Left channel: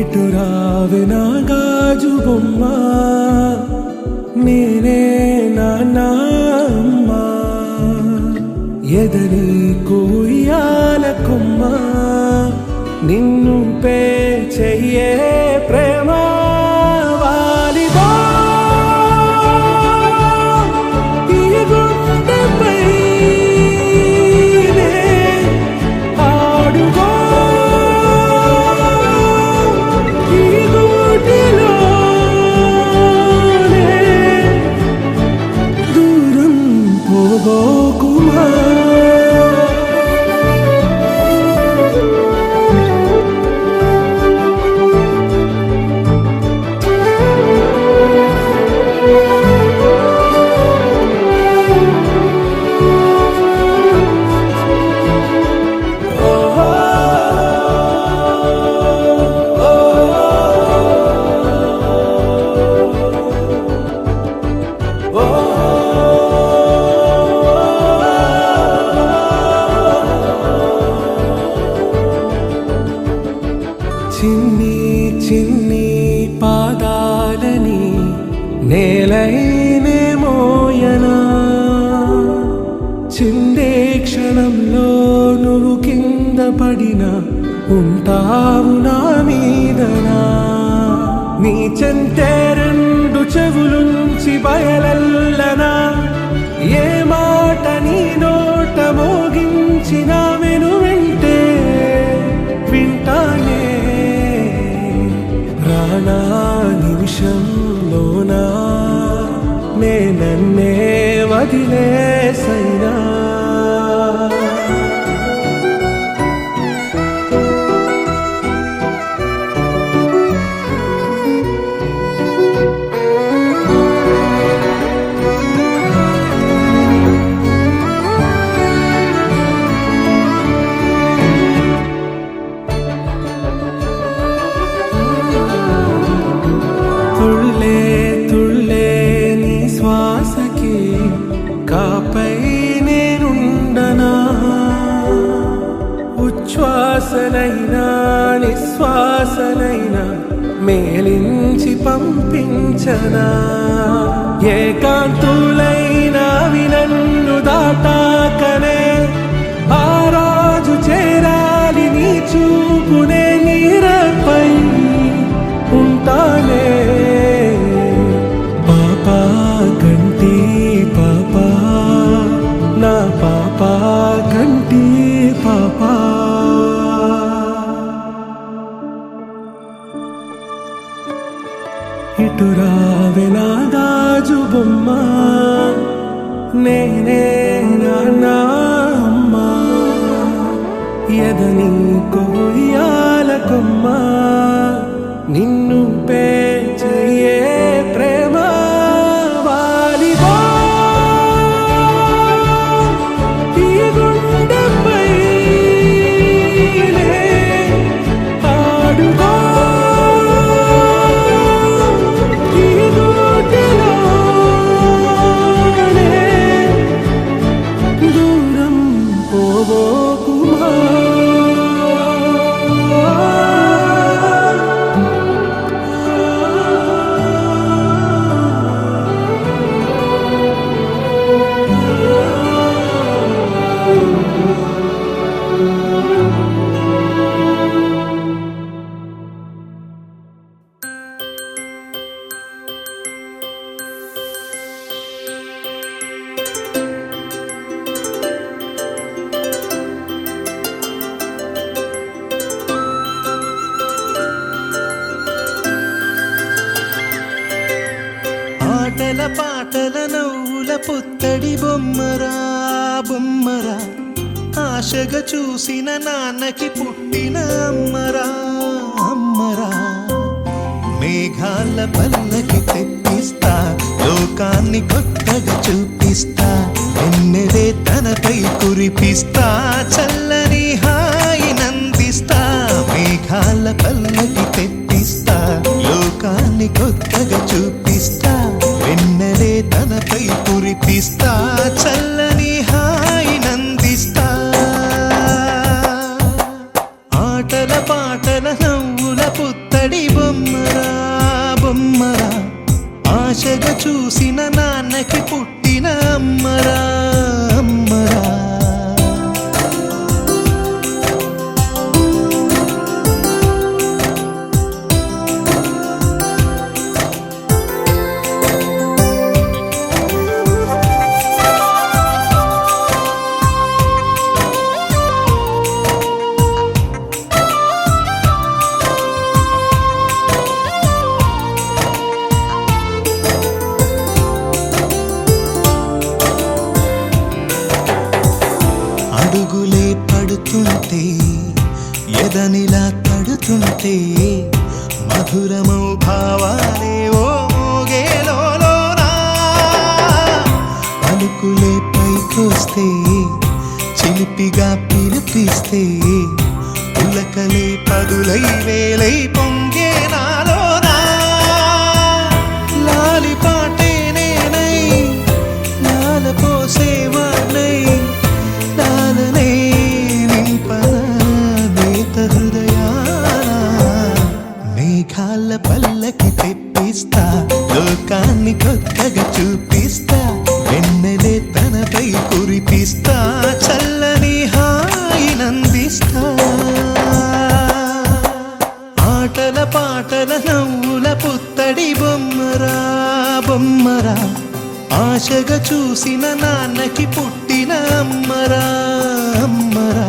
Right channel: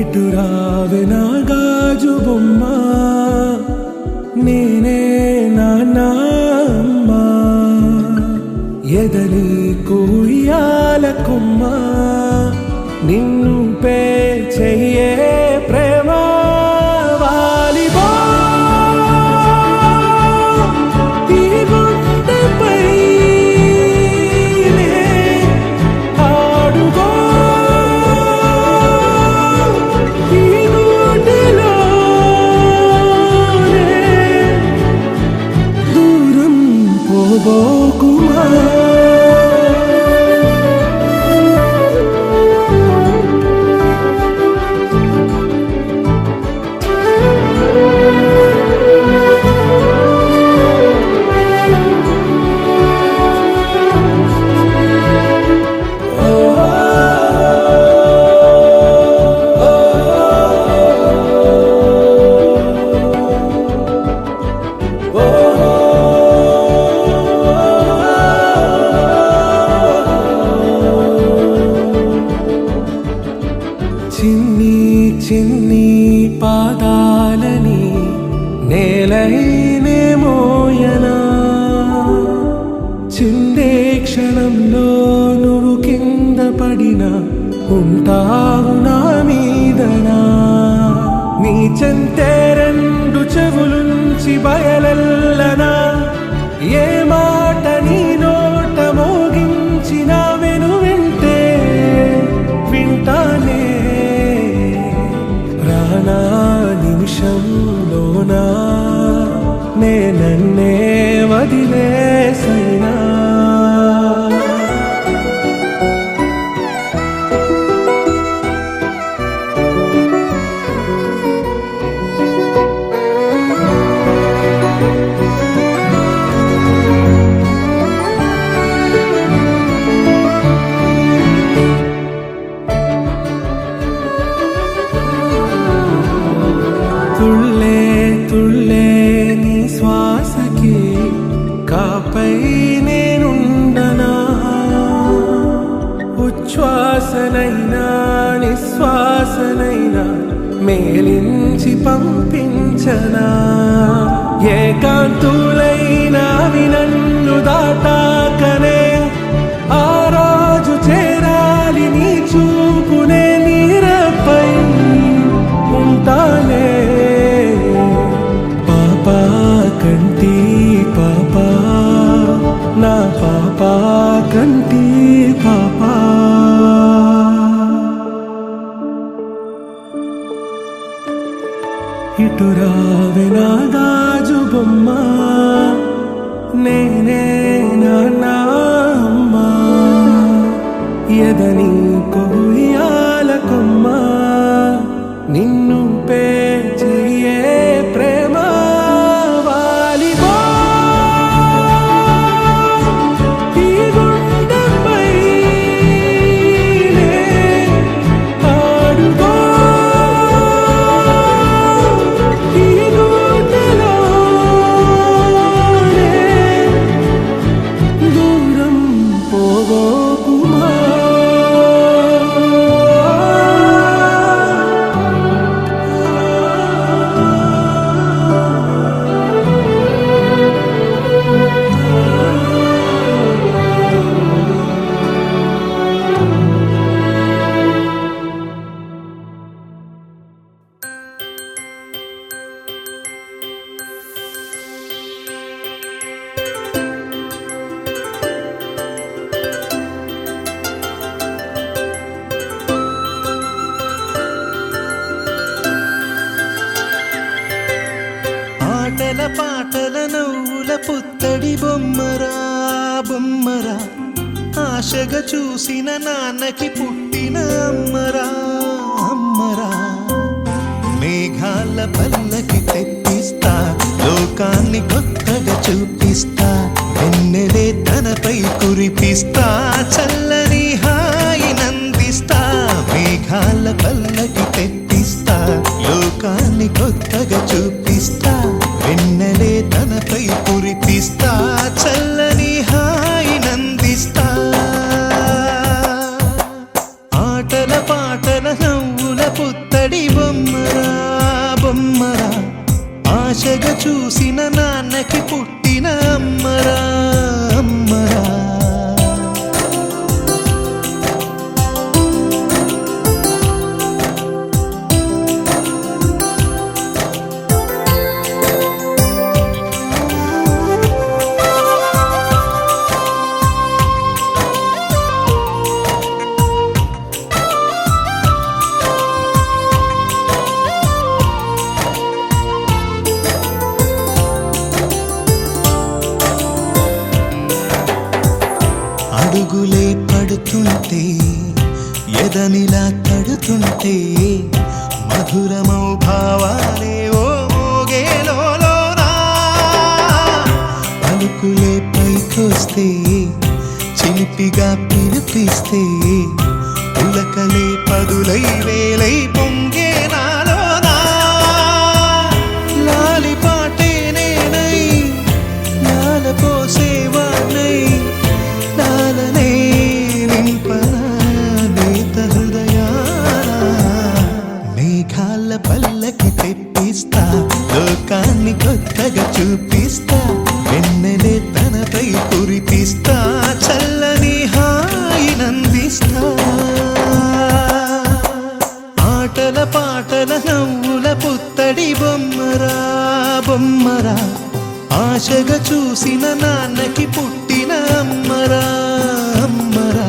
ఇటు రావే నా గాజు బొమ్మ, నేనే నాన్నమ్మ. ఎదని కూయాల కొమ్మ, నిన్ను పే చెయ్యే ప్రేమ వాలిబా. ఈ గుండెపై నే ఆడుగో, ఈ గూటిలోనే దూరం పోబోకుమా. చిన్ని చిన్ని పాదాలని నేలైనే మోయనా, చిందే క్షణంలో నువ్వు కింద పడినా ఉంటావు నా మీదనా. నీ చెంతే రెండు చెవులుంచి బయలెల్లనా, ఏ మాట నీ నోట మోగించిన వెను వింటే వింటానే. రానా నిమిషంలోనా నే నన్నే వదిలేసైనా. తుళ్ళే తుళ్ళే నీ శ్వాసకి కాపై నేనుండనా, ఉచ్ఛ్వాసనైనా నిశ్వాసనైనా మేలించి పంపించనా. ఏకాంతులైనవి నన్ను దాటాకనే ఆ రాజు చేరాలి నీ చూపునే నీరపై ఉంటానే. పాపా కంటి పాపా, నా పాపా కంటి పాపా. ఇటు రావే నా గాజు బొమ్మ, నేనే నాన్నమ్మ. ఎదని కొయ్యాల కొమ్మ, నిన్ను పే చెయ్యే ప్రేమ వాలిబా. ఈ గుండెపై నే ఆడుగో, ఈ గూటిలోనే దూరం పోబోకుమా. ఆటల పాటల నవ్వుల పుత్తడి బొమ్మరా బొమ్మరా, ఆశగా చూసిన నాన్నకి పుట్టిన అమ్మరా అమ్మరా. మేఘాల పల్లకి తెప్పిస్తా, లోకాన్ని కొత్తగా చూపిస్తా, వెన్నెలే తనపై కురిపిస్తా, చల్లని హాయి నందిస్తా. మేఘాల పల్లకి తెప్పిస్తా, లోకాన్ని కొత్తగా చూపిస్తా, వెన్నెలే తనపై కురిపిస్తా, చల్లని హాయి నందిస్తా. ఆటల పాటల నవ్వుల పుత్తడి బొమ్మరా ఆశగా చూసిన నాన్నకి పుట్టిన అమ్మరా అమ్మరా అడుగులే పడుతుంటే ఎదనిలా తడుతుంటే మధురమౌ భావాలే ఓ మోగేలోనా పలుకులే పైకొస్తే చిలిపిగా పిలిపిస్తే పులకలే పదులై వేలై పొంగే నాలోనా లాలి పాటే నేనై లాల పోసేవాణ్ణై లాలనే నింపన నేత హృదయాన మేఘాల పల్లకి తెప్పిస్తా లోకాన్ని కొత్తగా చూపిస్తా వెన్నెలే తనపై కురిపిస్తా చల్లని హాయినందిస్తా ఆటల పాటల నవ్వుల పుత్తడి బొమ్మరా బొమ్మరా ఆశగా చూసిన నాన్నకి పుట్టిన అమ్మరా అమ్మరా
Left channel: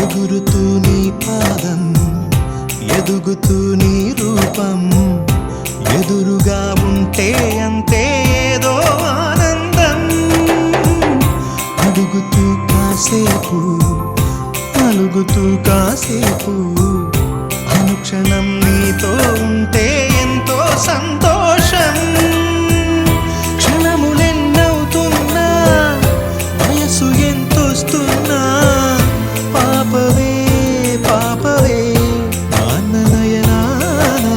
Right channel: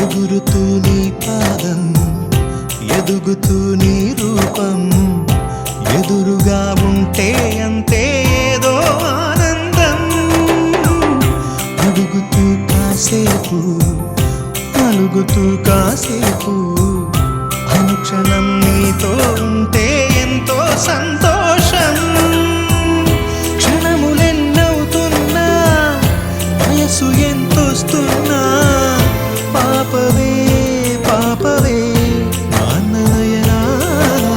ఎగురుతూ నీ పాదం ఎదుగుతూ నీ రూపం ఎదురుగా ఉంటే అంతే ఏదో ఆనందం అడుగుతూ కాసేపు అలుగుతూ కాసేపు అనుక్షణం నీతో ఉంటే ఎంతో సంతోషం క్షణములెన్నవుతున్నా వయసు ఎంతొస్తున్నా పాపవే పాపవే నాన్ననయనానా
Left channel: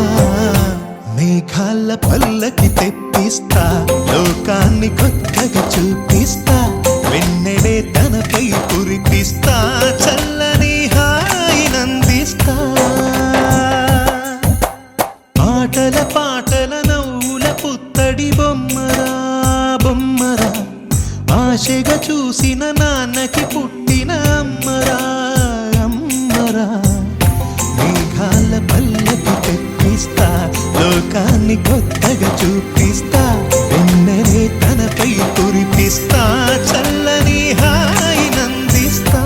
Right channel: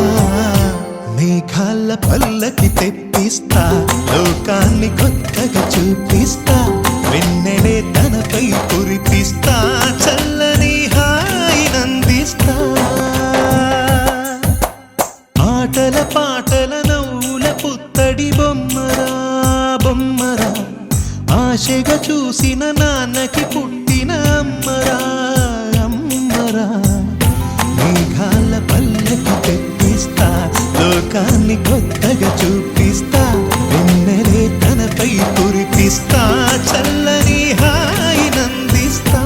మేఘాల పల్లకి తెప్పిస్తా లోకాన్ని కొత్తగా చూపిస్తా వెన్నెలే తనపై కురిపిస్తా చల్లని హాయినందిస్తా ఆటల పాటల నవ్వుల పుత్తడి బొమ్మరా బొమ్మరా ఆశగా చూసిన నాన్నకి పుట్టిన అమ్మరా అమ్మరా మేఘాల పల్లకి తెప్పిస్తా లోకాన్ని కొత్తగా చూపిస్తా వెన్నెలే తనపై కురిపిస్తా చల్లని హాయినందిస్తా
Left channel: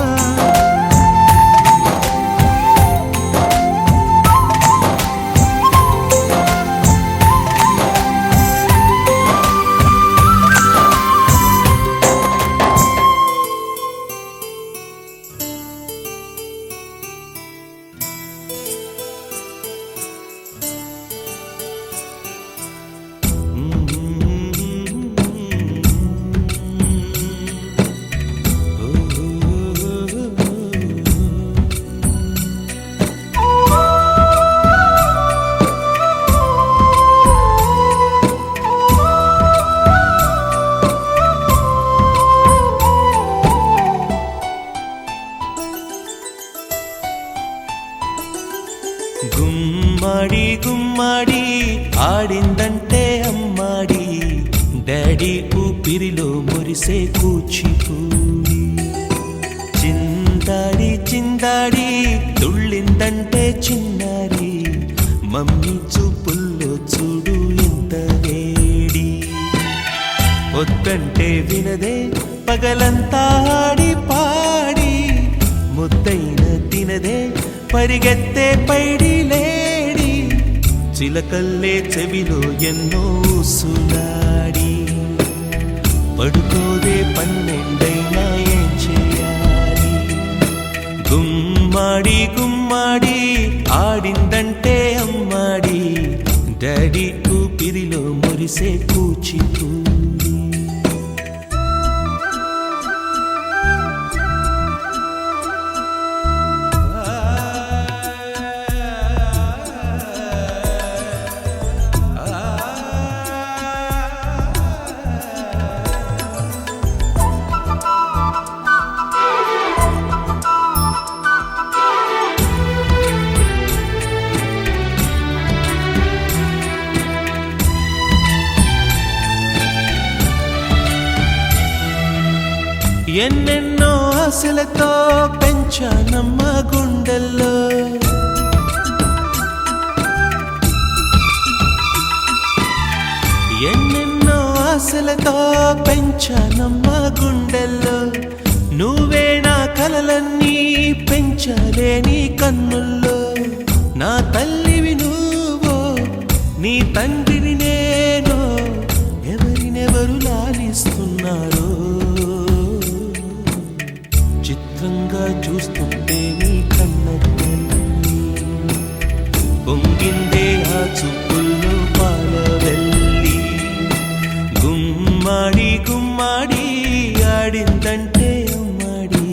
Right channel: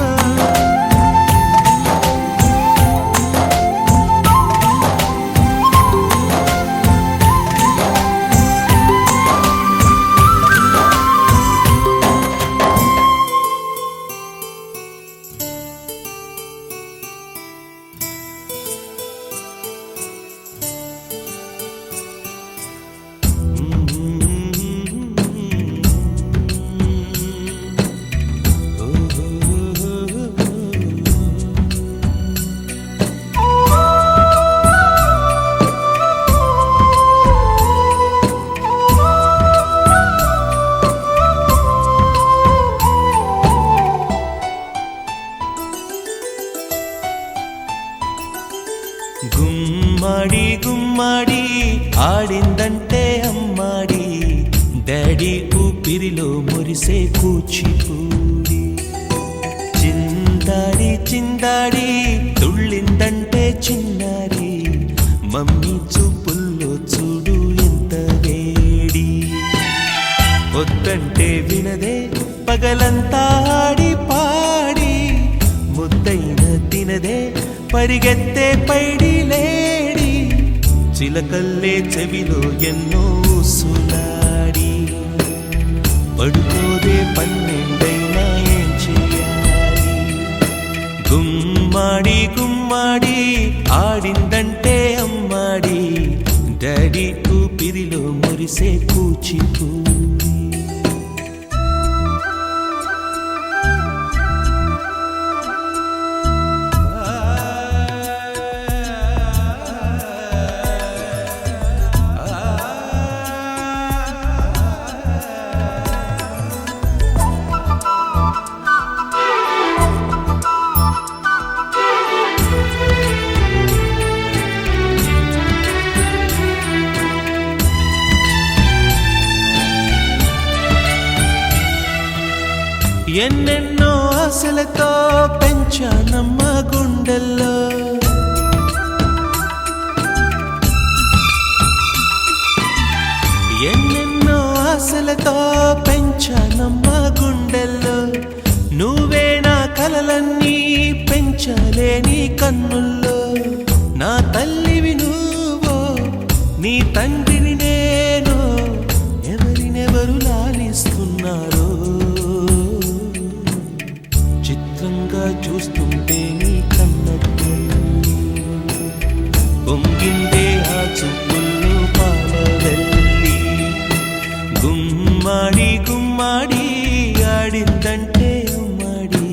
గుమ్మడి గుమ్మడి ఆడిందంటే అమ్మాడి డాడీ ఊపిరిలో మురిసే కూచిపూడి చిందాడి చిందాడి తుళ్ళిందంటే చిన్నారి మమ్మీ చూపుల్లో చూడు ఎంత వేడి వద్దంటే వినదే పగలంతా ఆడి పాడి ముద్దైన తినదే పరిగెత్తే పైడి లేడి చిలకల్లే చెవిలో ఎన్నో సులాడి పడుకోదే పన్నెండైనా ఏం చేయాలి గుమ్మాడి గుమ్మాడి ఆడిందంటే అమ్మాడి డాడీ ఊపిరిలో మురిసే కూచిపూడి. ఎన్నెన్నో ఆశలతో పెంచానమ్మ గుండెల్లో, ఎన్నెన్నో ఆశలతో పెంచానమ్మ గుండెల్లో, నువ్వే నా కలలన్నీ పెంచాలే నీ కన్నుల్లో. నా తల్లివి నువ్వో నీ తండ్రిని నేను, ఎవరినెవరు లాలిస్తున్నారో చిత్రంగా చూస్తుంటే నీ కన్నట్టు పొంగిందే ఆ చూపుల్లో పాలవెల్లి. గుమ్మాడి గుమ్మాడి ఆడిందంటే అమ్మాడి,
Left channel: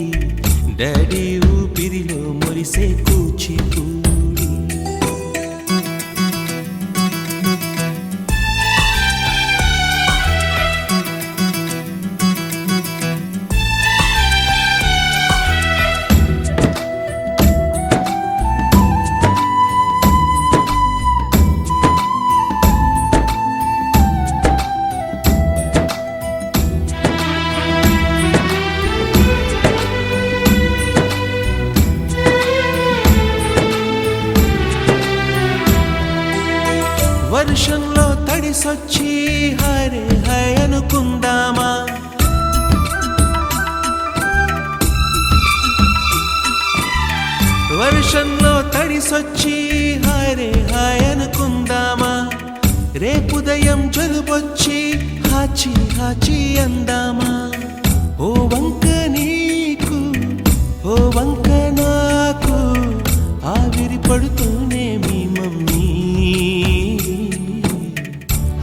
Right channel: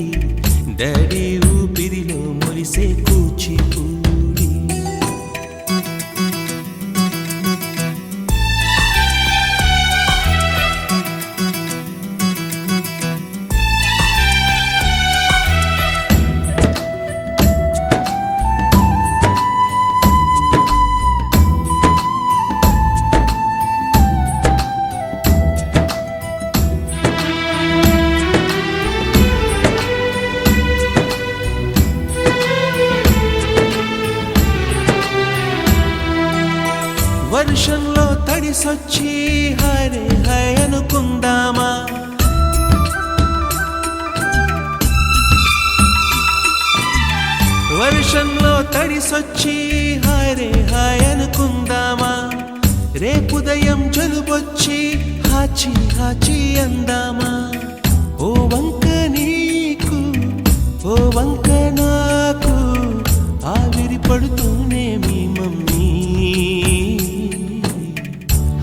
డాడీ ఊపిరిలో మురిసే కూచిపూడి. వర్షంలో తడిసొచ్చి హరే హై అనుకుందామా, వర్షంలో తడిసొచ్చి హరే హై అనుకుందామా. రేపుదయం జలుబొచ్చి హాచి హాచి అందామా. ఓ వంక నీకు ఓ వంక నాకు ఆవిరి పడుతూనే మీ మమ్మీ.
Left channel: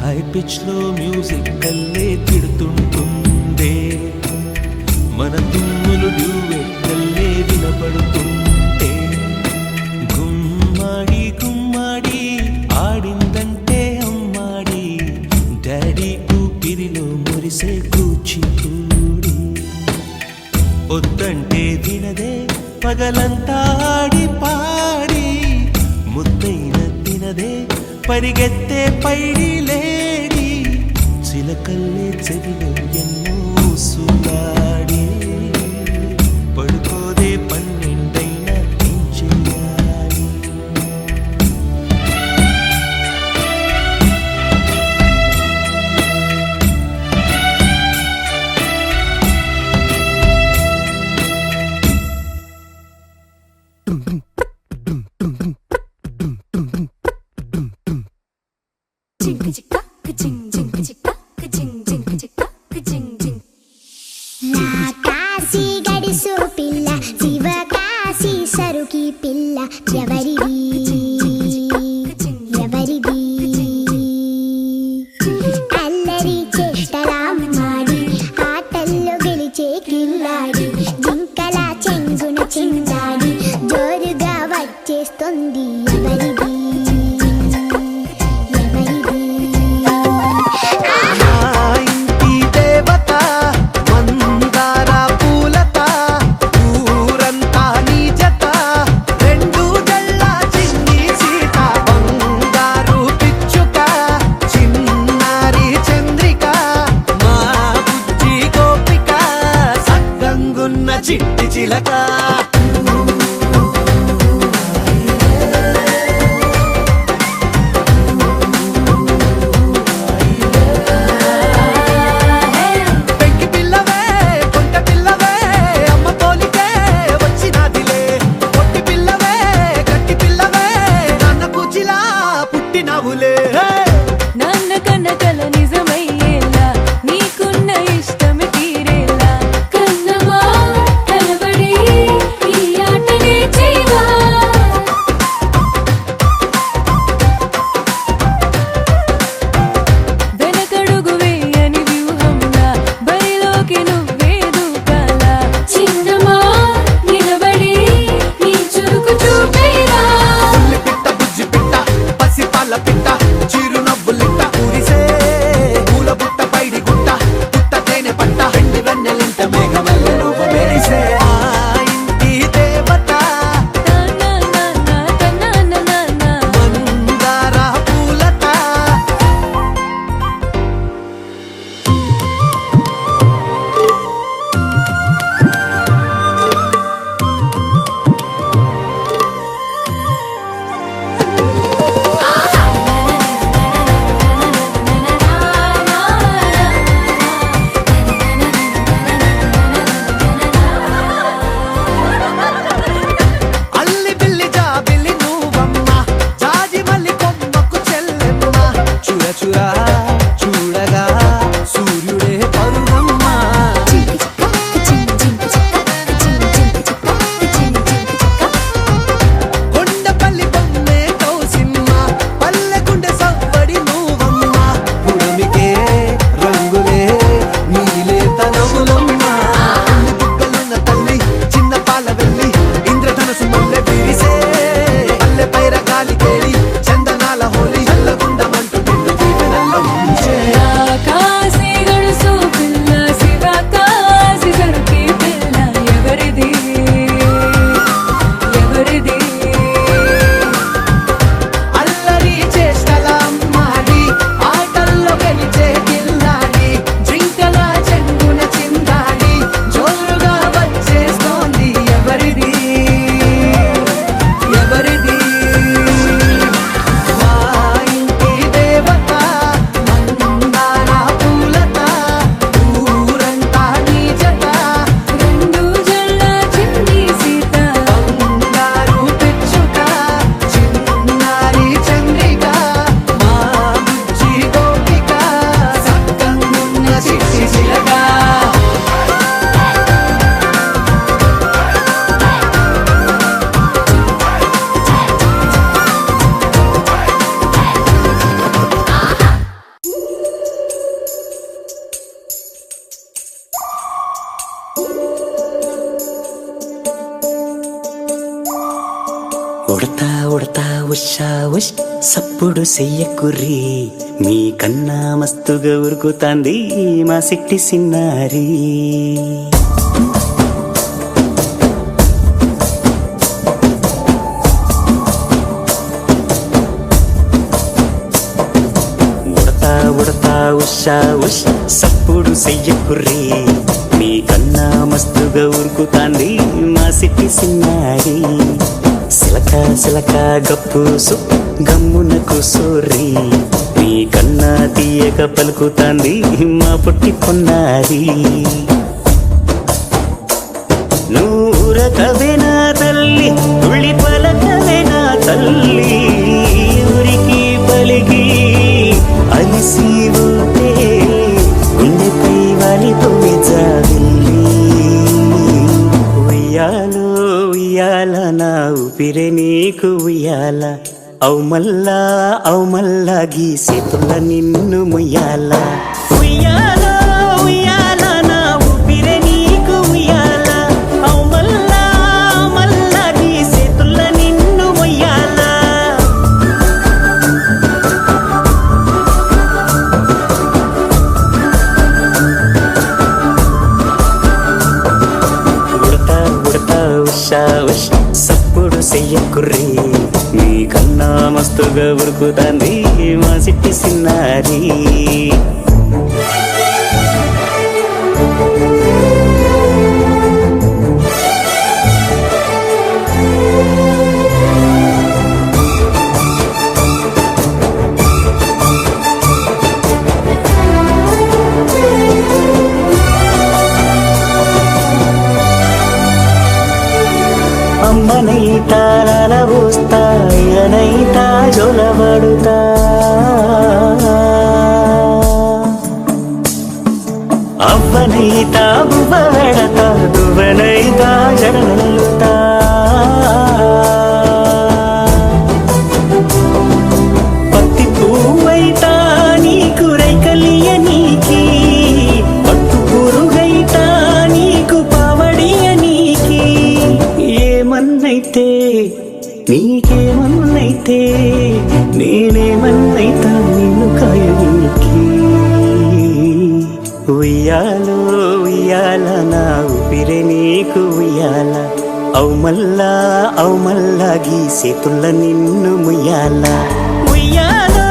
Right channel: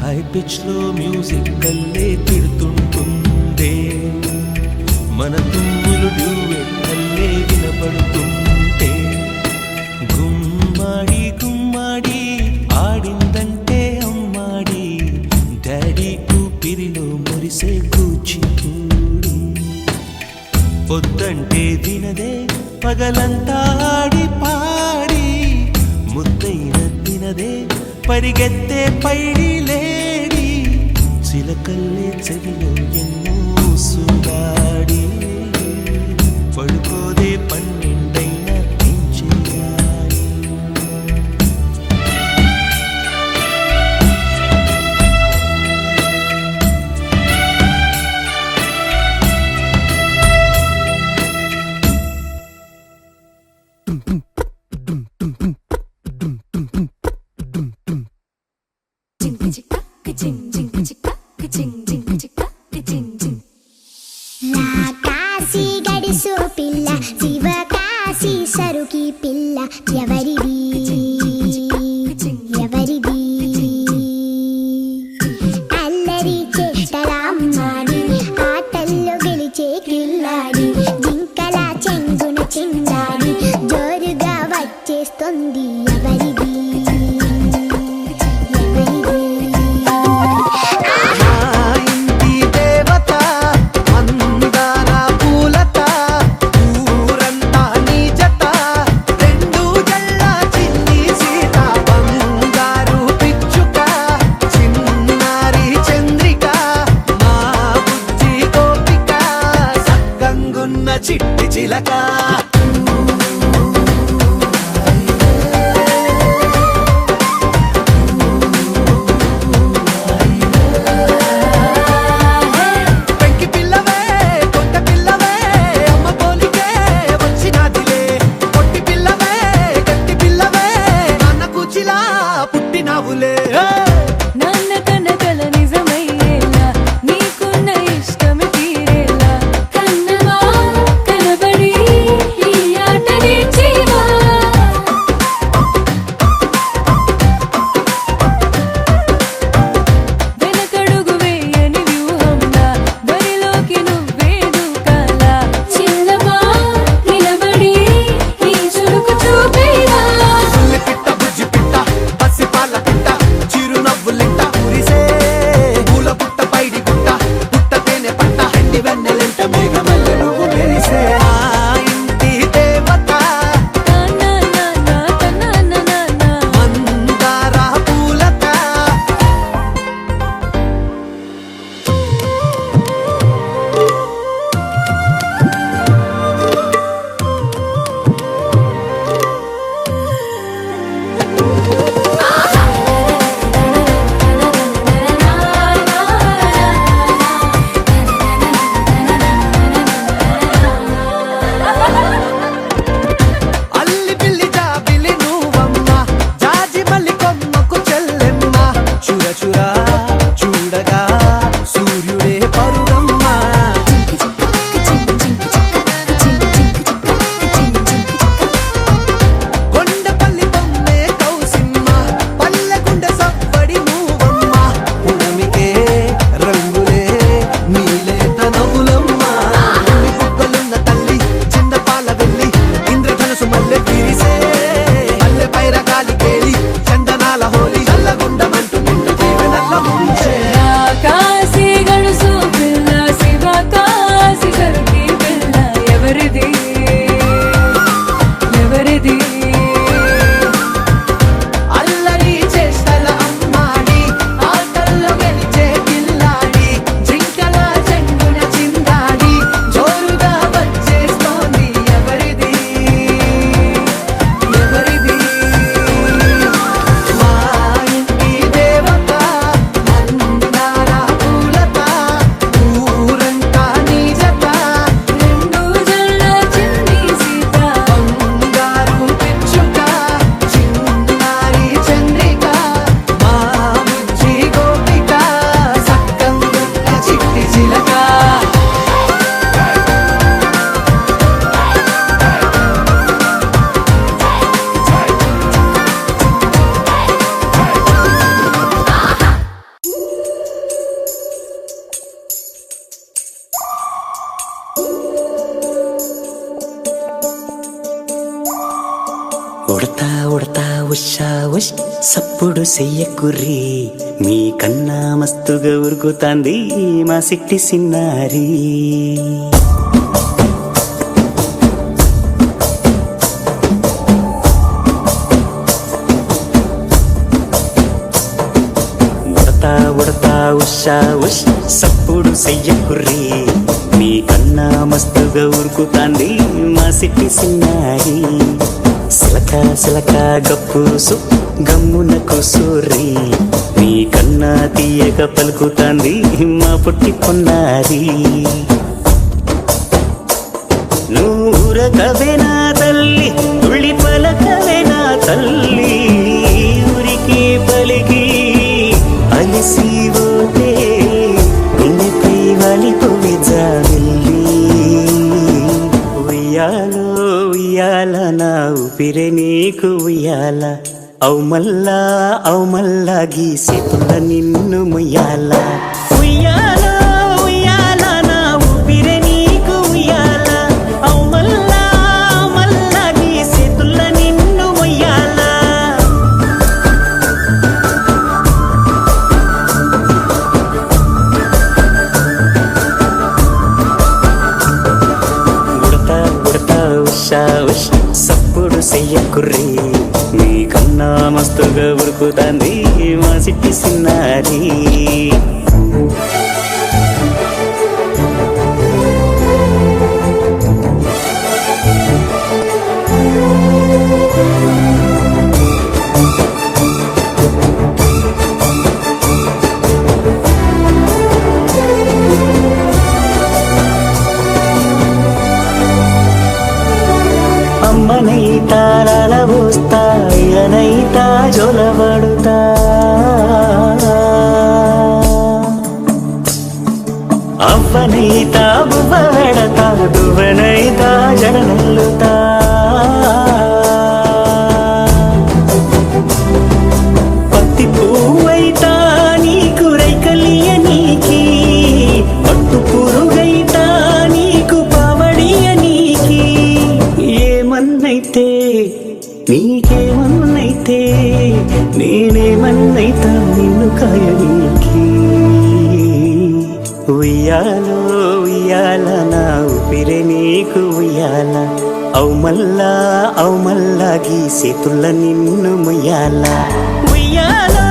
హై పిచ్ లో మ్యూజిక్ కల్లే తిడుతుంటుందే, మన తుమ్ములు డ్యూయెట్ కల్లే వినపడుతుంటే. గుమ్మాడి గుమ్మాడి ఆడిందంటే అమ్మాడి, డాడీ ఊపిరిలో మురిసే కూచిపూడి. పొద్దంటే వినదే పగలంతా ఆడి పాడి, ముద్దైన తినదే పరిగెత్తే పైడి లేడి. చిలకల్లే చెవిలో ఎన్నో సులాడి, పడుకోదే పన్నెండైనా ఏం చెయ్యాలి. కాశీ గడిసు పిల్ల శివ కాశీ సరుకి పిల్ల ఎవరిది ఎవరిది. అల్లరి చేష్టలామ్మాడి ఆటల్లో గెలిచే కిల్లాడి, జింకల చెంగున చిందాడి జోరుగా వచ్చేస్తుంది ఎవరిది ఎవరిది. చిట్టి చిలక ఉష్ సప్పుడు చెయ్యకుర్రి మీ కన్నా మస్తుగా ఉరుకుతాంది మా సిట్టి సిన్నారి. ఉడతా ఉషా ఉష్ సప్పుడు చెయ్యకుర్రి మీ కన్నా మస్తుగా ఉరుకుతాంది మా సిట్టి సిన్నారి. సిలక సిలక గప్పుసు గమ్మున కూసోర్రి మీ కన్నా తీయక పలుకుతాంది మా పుట్టి పొన్నారి. నూరకవేనా తల్లి తుళ్ళి పలకవేనా తల్లి ఊరికి పలికి అలిసిపోతే గుండెపై వాలిపోవే జాబిల్లి. ఉయ్యాలో ఉయ్యాల నా ఊపిరే నీకు ఉయ్యాల అవు మల్లా గీసేతుల నిన్ను ముయ్యాల. ఉయ్యాలో ఉయ్యాల నా ఊపిరే నీకు ఉయ్యాల అవు మల్లా గీసేతుల నిన్ను ముయ్యాల. ఉడతా ఉషా ఉష్ సప్పుడు చెయ్యకుర్రి మీ కన్నా మస్తుగా ఉరుకుతాంది మా సిట్టి సిన్నారి. అమ్మనైతా లాలబోస్తా అయ్యనైతా జొలబడుతా అవ్వనైతా బువ్వ వెడతా దువ్వనైతా జడనల్లుతా. పత్తి పువ్వైతా నీకు రైకలియ నీకి పట్టు పురుగైతా నీకు పావడియ నీకి. ఏమన్నైతే నీకేమన్నైతే నేనేమన్నైతా నిన్ను కాయనీకి. ఉయ్యాలో ఉయ్యాల నా ఊపిరే నీకు ఉయ్యాల అవు మల్లా గీసేతుల నిన్ను ముయ్యాల. ఉయ్యాలో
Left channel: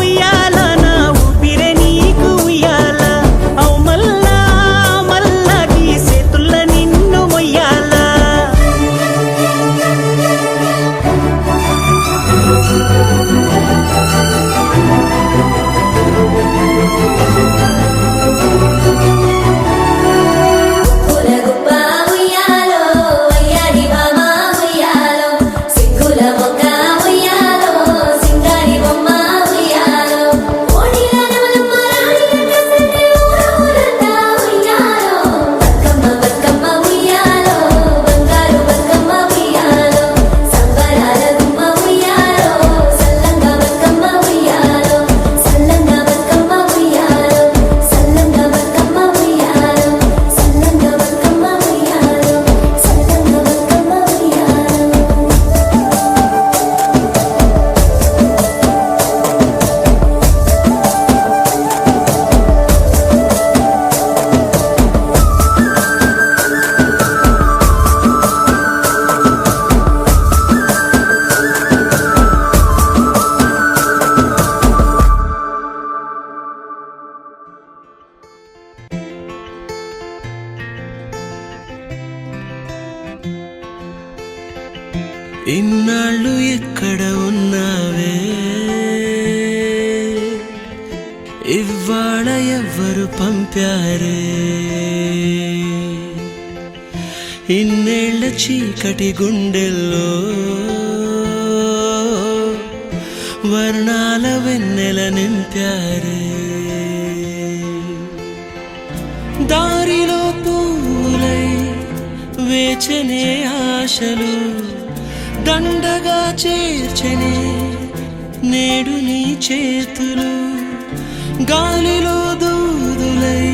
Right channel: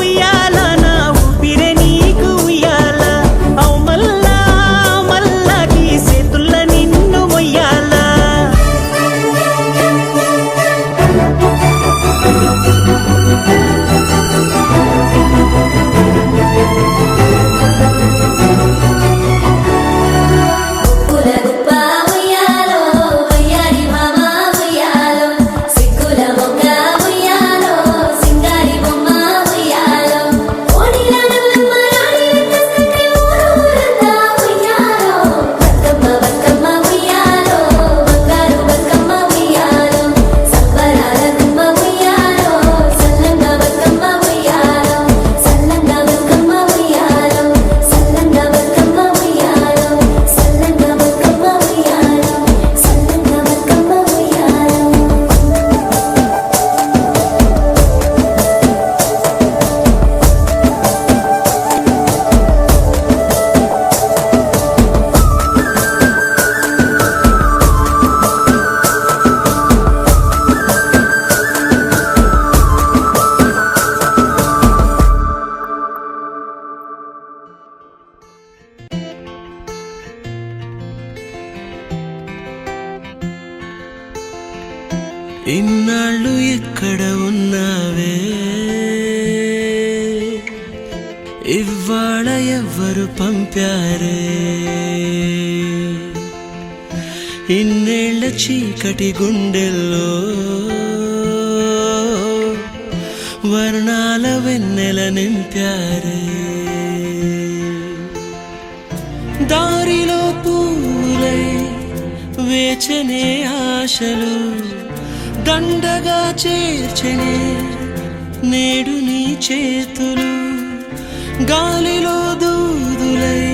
ఉయ్యాల నా ఊపిరే నీకు ఉయ్యాల అవు మల్లా గీసేతుల నిన్ను ముయ్యాల. ఇన్నాళ్ళు ఎక్కడ ఉన్నావే ఇవాళ ఎవ్వరు పంపారే ఇన్నేళ్ల చీకటి గుండెల్లో వర్ణాల వెన్నెల నింపారే దారిలో పూలై వేచనే ఆశలు దండగా చేర్చనే నేడు నీ చేతులు గాలిలో దూదులై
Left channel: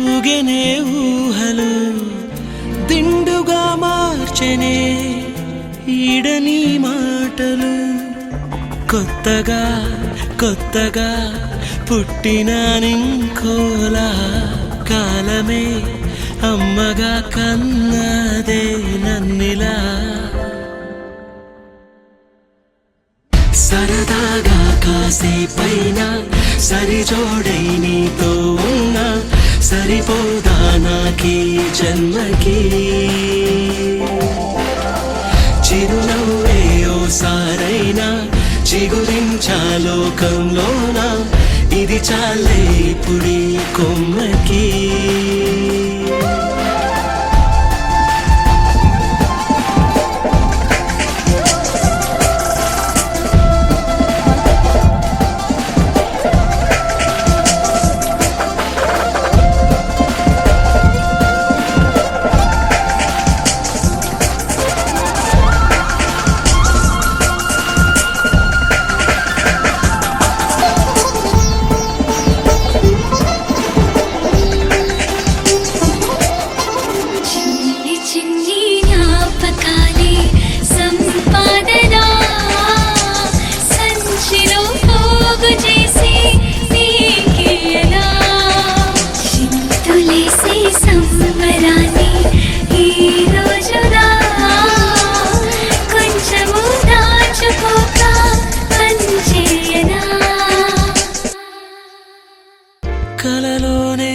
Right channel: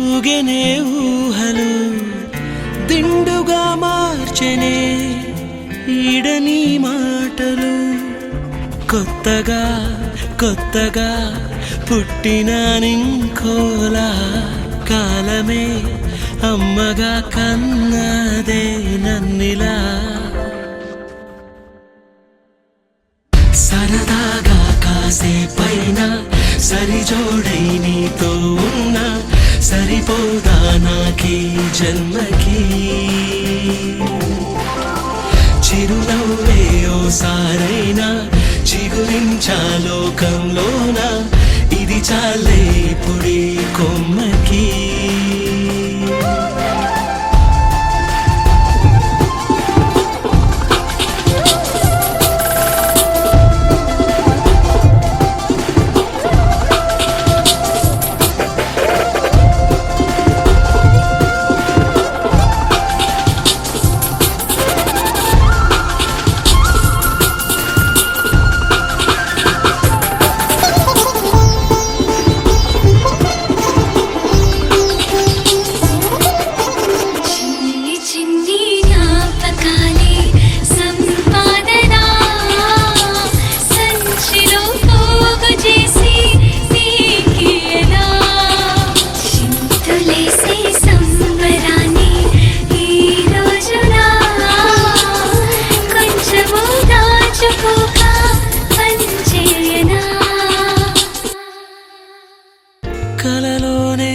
ఊగెనే ఊహలు దిండుగా మార్చెనే ఈడని మాటలు కొత్తగా కొత్తగా పుట్టినానింకోలా కాలమే అమ్మగా కన్నదే నన్నిలా సరదాగా కాసేపైన సరిజోడై నీతో ఉన్నా సరిపోదా నాకీ జన్మకి చిరునవ్వే ఓసారైనా చిగురించా లోకంలోన ఇది చాలే పుడి కొమ్మకి కలలోనే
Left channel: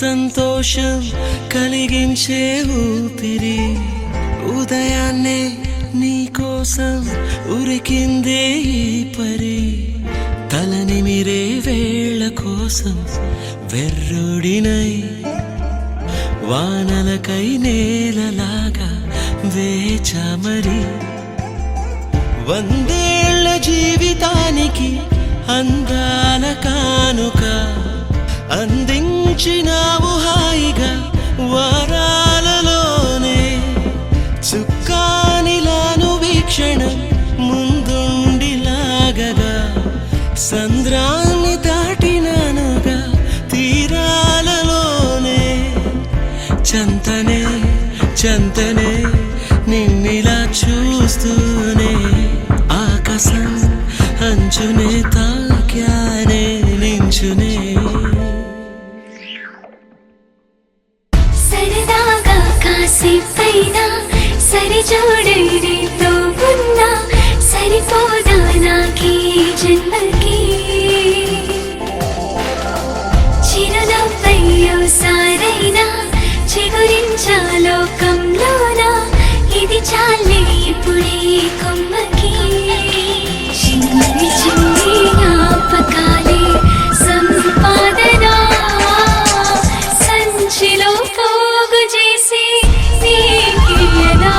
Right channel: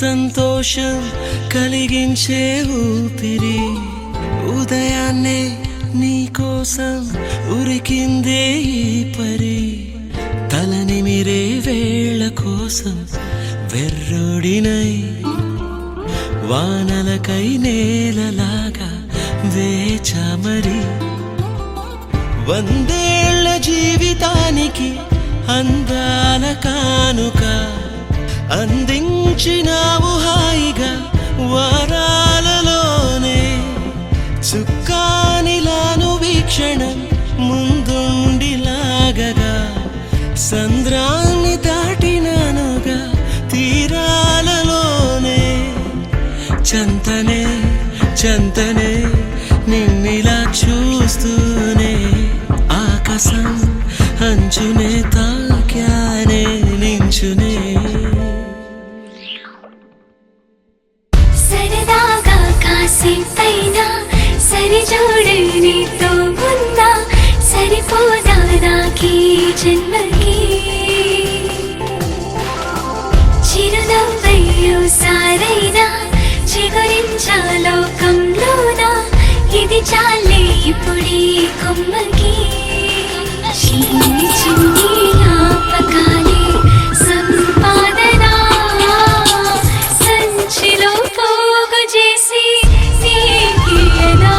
సంతోషం కలిగించే ఊపిరి ఉదయాన్నే నీకోసం ఉరికిందే ఈ పరి తలనిమిరే వేళ కోసం వెర్రుడినై వానలకై నేలలాగా వేచమరి వందేళ్ల జీవితానికి అందాల కానుక అందించినావు హాయిగా వరాలలోనే చుక్కానిలాను వీక్షణం ముందుండిలాగగా సంద్రాన్ని దాటినానుగా తీరాలలోనే చంతనే చంతనే నిన్నిలా చూస్తూనే ఆకాశం అంచునే తాక్యానే నించునే సరదాగా కాసేపైనా సరిజోడై నీతో ఉన్నా సరిపోదా నాకీ జన్మకి చిరునవ్వయ్యో సారైనా చిగురించా లోకంలోన ఇది చాలే ఇప్పుడీ కొమ్మకి చిన్ని చిన్ని జ్ఞాపకాలే సంపాదన సంచిలో పోగు చేసి నీకియనా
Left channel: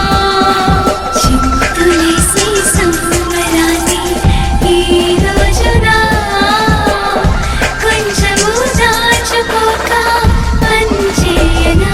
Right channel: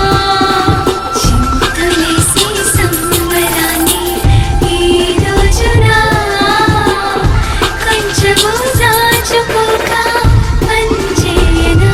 చింతులేసి సంబరాన్ని ఈ రోజున కొంచెము దాచుకోక పనిచేయనా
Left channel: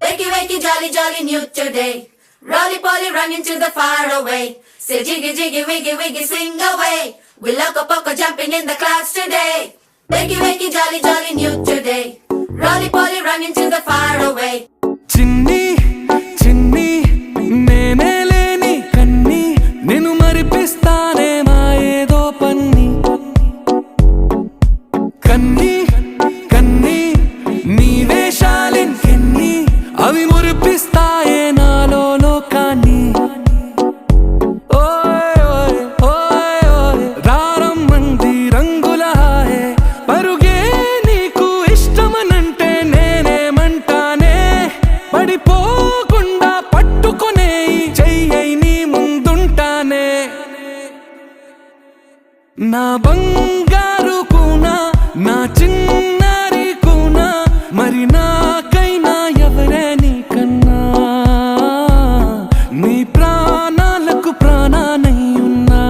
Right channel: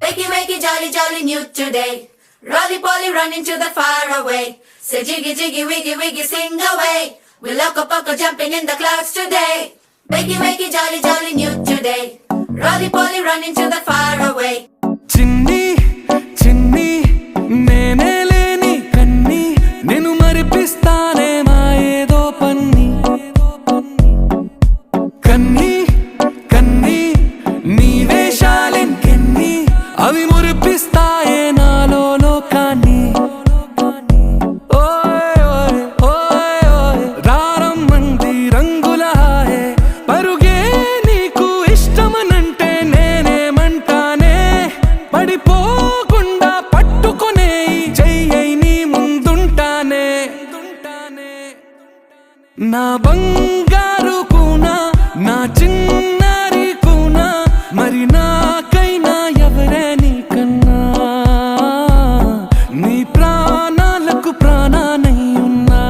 Wakey, wakey, jolly, jolly, new today. Rolly poly, running to the far away. Say jiggy, jiggy, wiggy, wiggy, sing away. We loco poco jumping in the clouds today. Wakey, wakey, jolly, jolly, new today. Rolly poly, running to the far away. చిన్ని చిన్ని నేనే లేని కన్ని నేను మరిపిస్తానే మా ఏదో పన్ని కన్ని కన్ని నీ వేషాలెన్కెన్ని అవి మురిపిస్తాయే నాలో లోకాన్ని ఓయ్ ఓయ్ ఓయ్ ఓయ్ రారమ్మంది రంగుల హాయే పరుగే నీకు ఇష్టమనంటే నేనేమంటానే పడిపోకుండా పట్టుకునే చెయ్యై నీ ముందుంటానే నా బంగారు కూనా నా చిన్నారి కూనా మరి నాకైనా ఎవరే నీకన్నా నీ ప్రాణాలకు ప్రాణానై ఉన్నా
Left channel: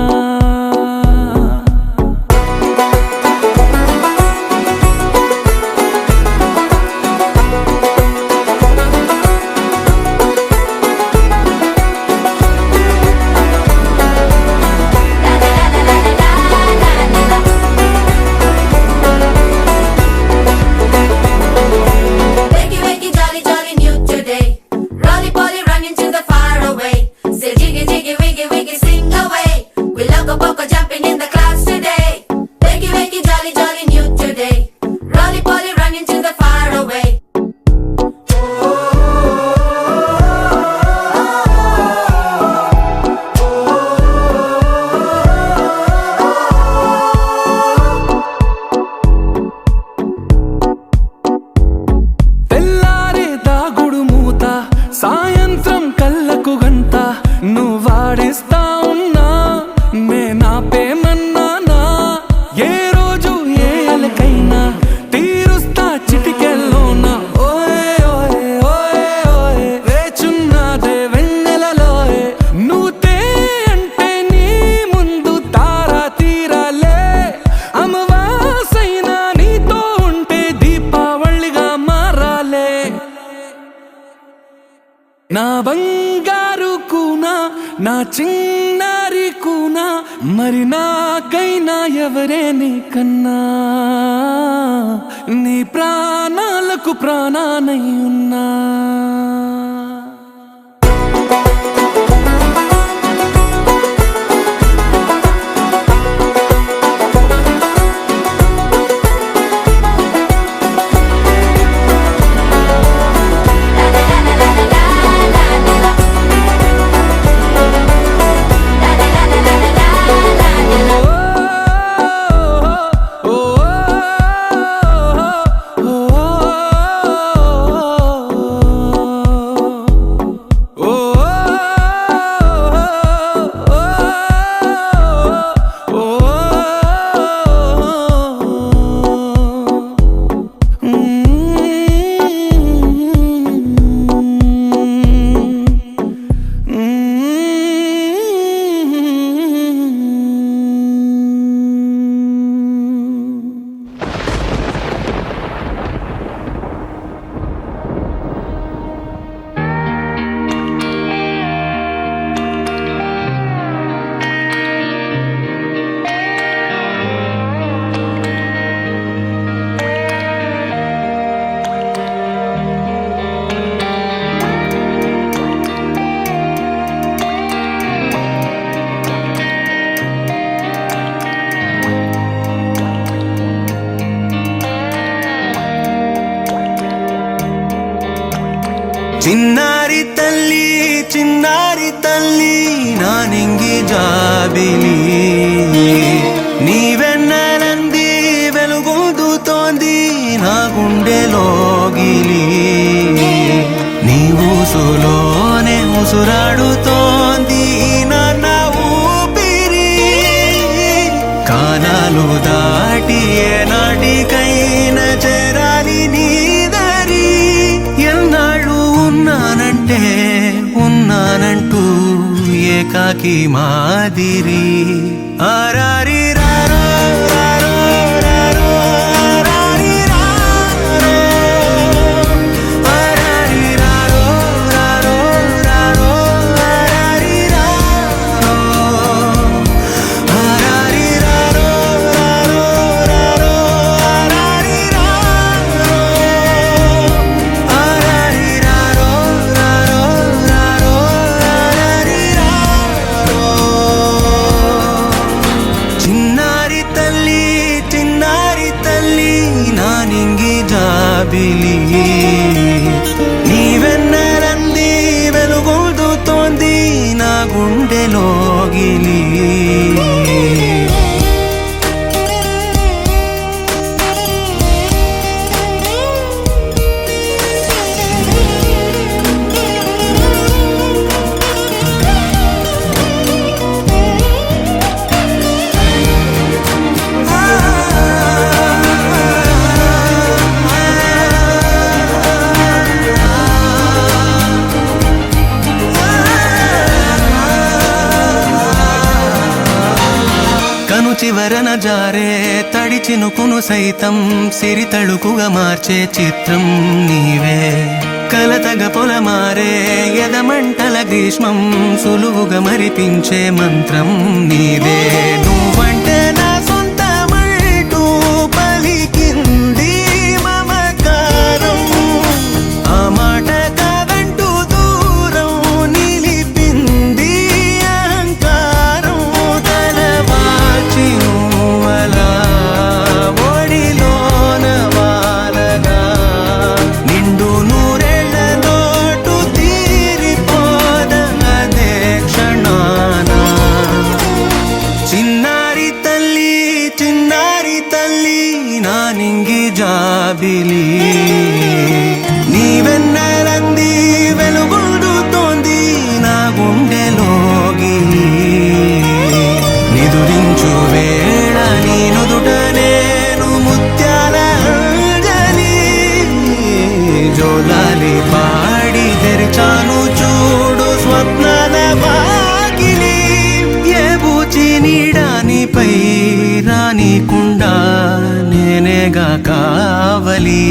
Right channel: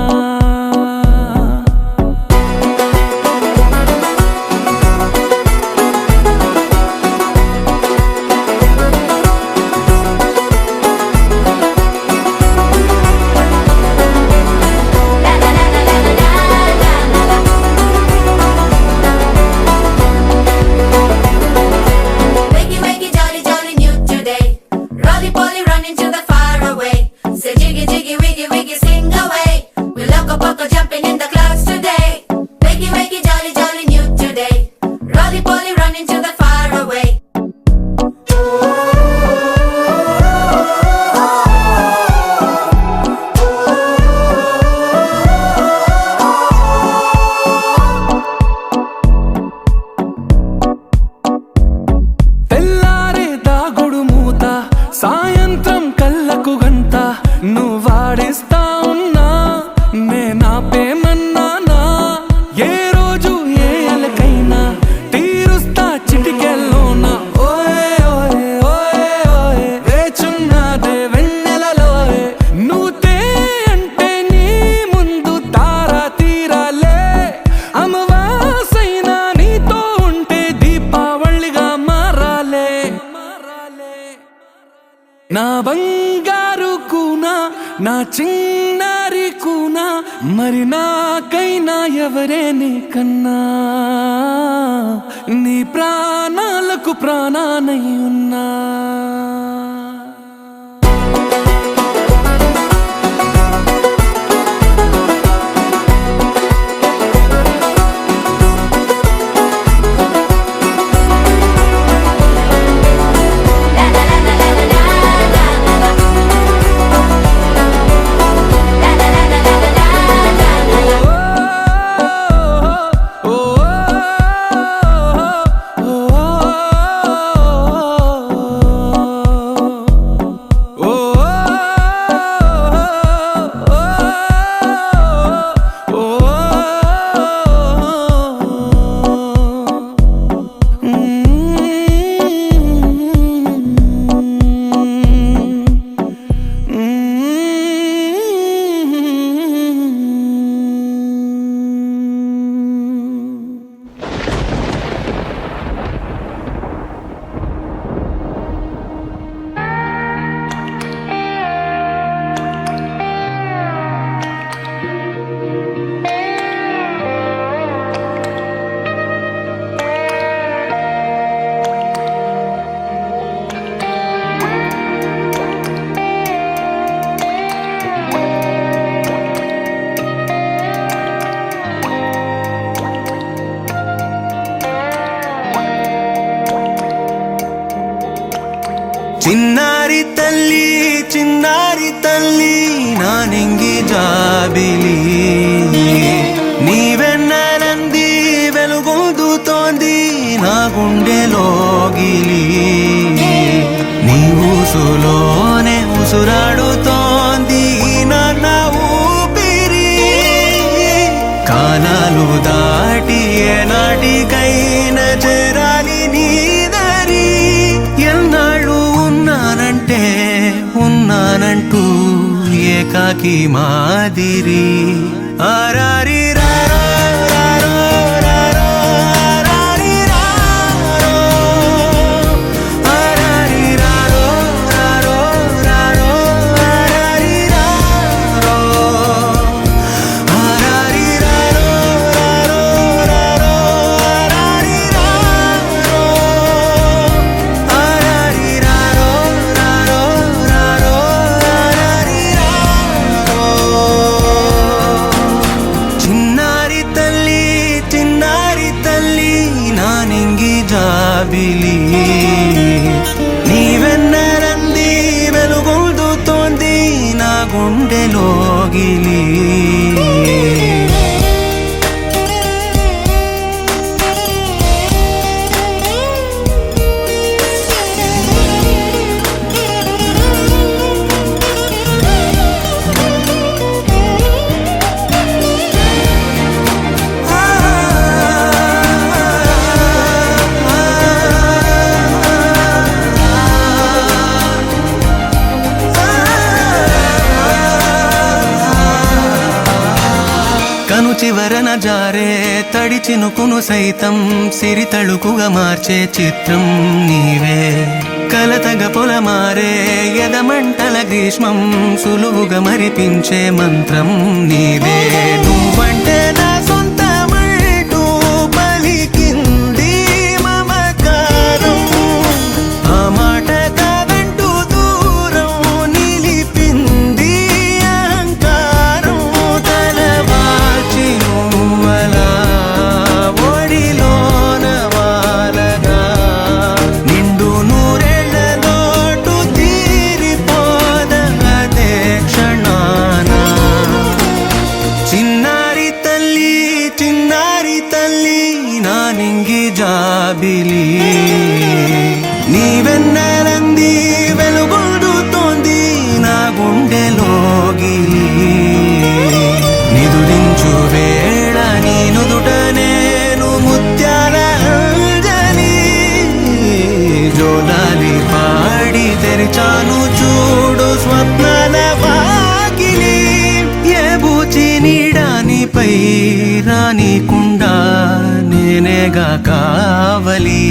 సాయంత్రం కళ్ళకు గంట నువ్వు వాడిస్తా ఉన్నా నేనాపేమన్నానా ఏ రోజు ఏ అలకైనా తీరుస్తా చిటికెల్లోనా ఓయే ఓయే ఓయే ఓయే వేచున్నదే వెన్నెలలోయే నువ్వుతే అంటే నీ ముందు తారా తీరాలే అమవాసైనా నీతో ఉంటే దీపావళిగా మారాలే నా బంగారు కూనా నా చిన్నారి కూనా మరి నాకైనా ఎవరే నీకన్నా నీ ప్రాణాలకు ప్రాణానై ఉన్నా చిన్నారి తల్లి నా నింగి జాబిలి నీ వెన్నెలంది వెలుగొందుతోంది నా గుండెలోగిలి నీ ఊసులోనే ఉసురాడుతోంది నా ఊపిరి కాలాలు దాటి ఏనాటికైనా చేరాలి నీ దరి ఎన్నాళ్ళు ఉన్నానంటూ ఏకాకి మాదిరి ఆరారి రారో రారో రారో ఆరారి రారో ఆరారి రారో రారో రారో ఆరారి రారో ఆరారి రారో రారో రారో ఆరారి రారో ఆరారి రారో రారో రారో ఆరారి రారో చిన్నారి తల్లి నా నింగి జాబిలి నీ వెన్నెలంది వెలుగొందుతోంది నా గుండెలోగిలి కను చివరన జారే తడి చినుకును సైతం సిరి తళుకుగా మార్చే చిత్రం నీవే కలతగ పొలమారే ఎదమంటల గ్రీష్మం సులువుగా మరిపించే మంత్రం నీదే నువ్వంటే నా సొంతమంటూ పలికింది మమకారం ఆ మాట కాదంటూ దూరం నిలిపింది అహంకారం తలవాల్చి నువ్వలా ఒడిలోన వాలగా నిండు నూరేళ్ల లోటు తీరిపోద అదే క్షణాన చిన్నారి పాడి తెరిచాను చూడు స్వప్నాల వాకిలి ఏ బూచి నీడానిపై రానికుండా నేనేగా కావలి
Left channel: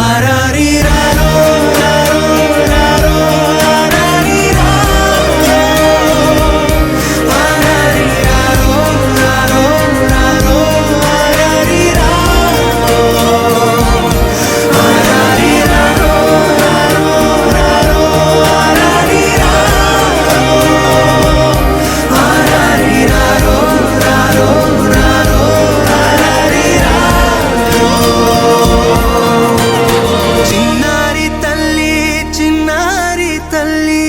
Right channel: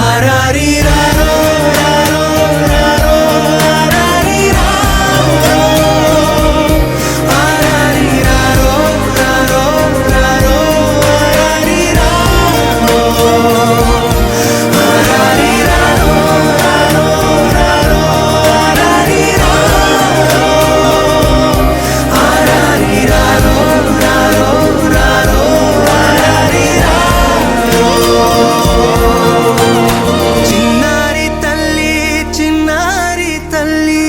ఆరారి రారో రారో రారో ఆరారి రారో ఆరారి రారో రారో రారో ఆరారి రారో ఆరారి రారో రారో ఆరారి రారో ఆరారి రారో రారో రారో ఆరారి రారో చిన్నారి తల్లి చిన్నారి తల్లి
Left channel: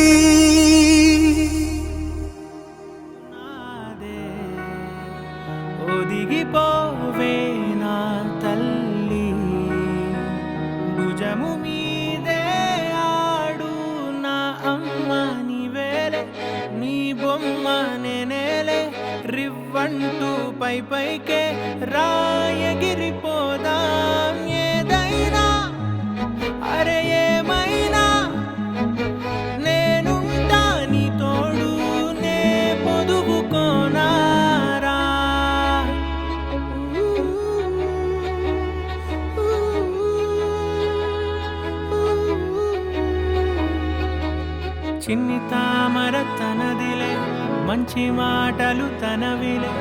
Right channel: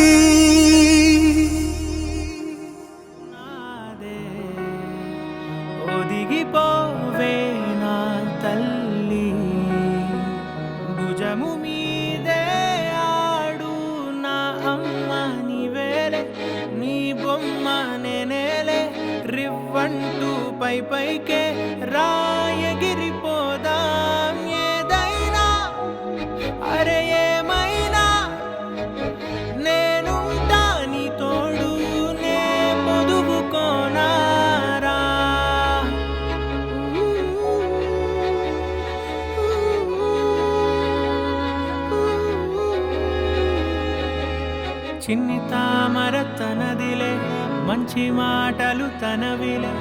నాదే ఒదిగిపోవే నా తల్లి భుజము మీదే ఆడు నా అమ్మ నీవేలే నీ బొమ్మ నేనేలే రివ్వంటూ పై పైకే రాయగిరిపోదాం ఏదైనా అరే ఏమైనా నేనుంటా నీ తోడు నే పొదుగుకోనారా చిన్ని తామర తనదిలే మంచి మాటలు తనవిలే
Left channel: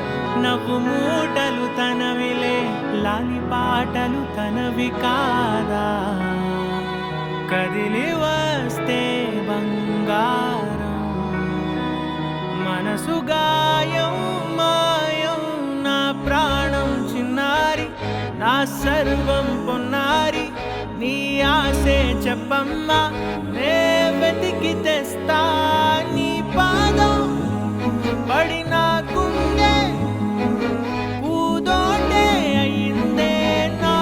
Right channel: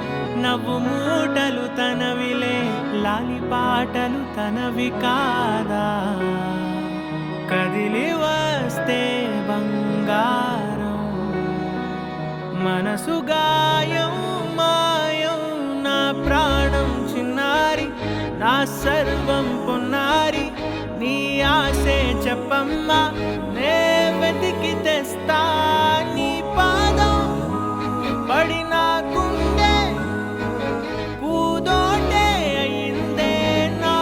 నవ్వు మూటలు తనవిలే లాలి పాటలు తనవి కాదా కదిలి వస్తే బంగారం మనసు గాయం మాయం నా ప్రాణం చిన్నారి నా సర్వం పొన్నారి నీ ఆశే చెప్పమ్మా నే వెతికి తెస్తా నీ పాదం పడి నా గుండె పూదోటే అయిందే నా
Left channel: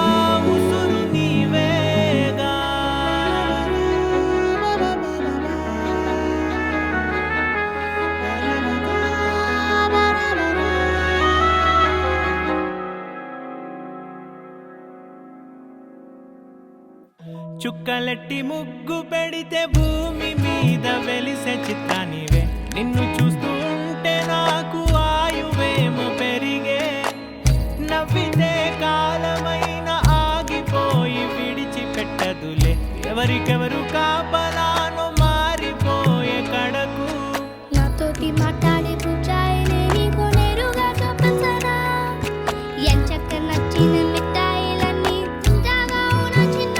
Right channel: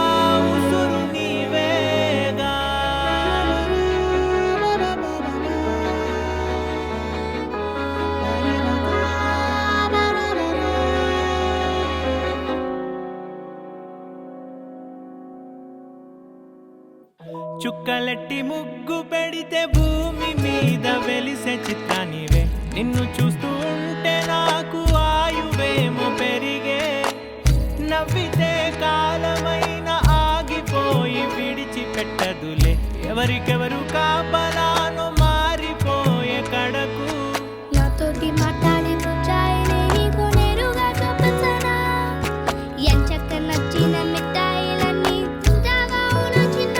ఉసురు నీవేగా చుక్కలెట్టి ముగ్గు పెడితే భూమి మీద వెలిసే చిత్తానివే నిన్ను చూస్తూ ఉంటే నాకు ఆయువేమో పెరిగే నవ్వితే కాలమైన ఆగిపోయి విడిచిపెట్టదులే ఎవరికెవరు కాపలానో మారిపోయే కడకు నాతోటి మాట్లాడే బుజ్జాయిని నీకు నేరుగా చూపించనా ఎంచక్క నచ్చిన మిఠాయిలన్నీ తింటాగా ఉన్న చిన్న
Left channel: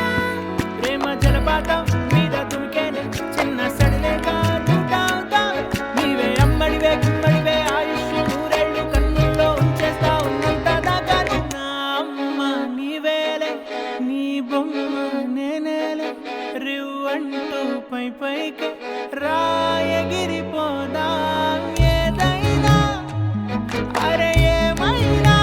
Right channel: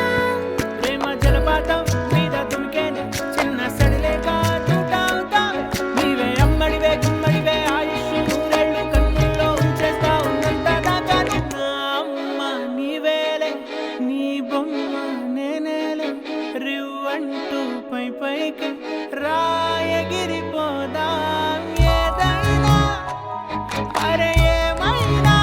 ప్రేమ జలపాతం మీద దుమికేనే చిన్న సడిలేక చూటావుతావే నీవే అమ్మడివే గుమ్మడివే ఆయుష్ నూరేళ్ళు కన్నుల్లో ఉంచేస్తా ఉన్నంత దాకా నా అమ్మ నీవేలే నీ బొమ్మ నేనేలే రివ్వంటూ పై పైకి రాయగిరిపోదాం ఏదైనా అరే ఏమైనా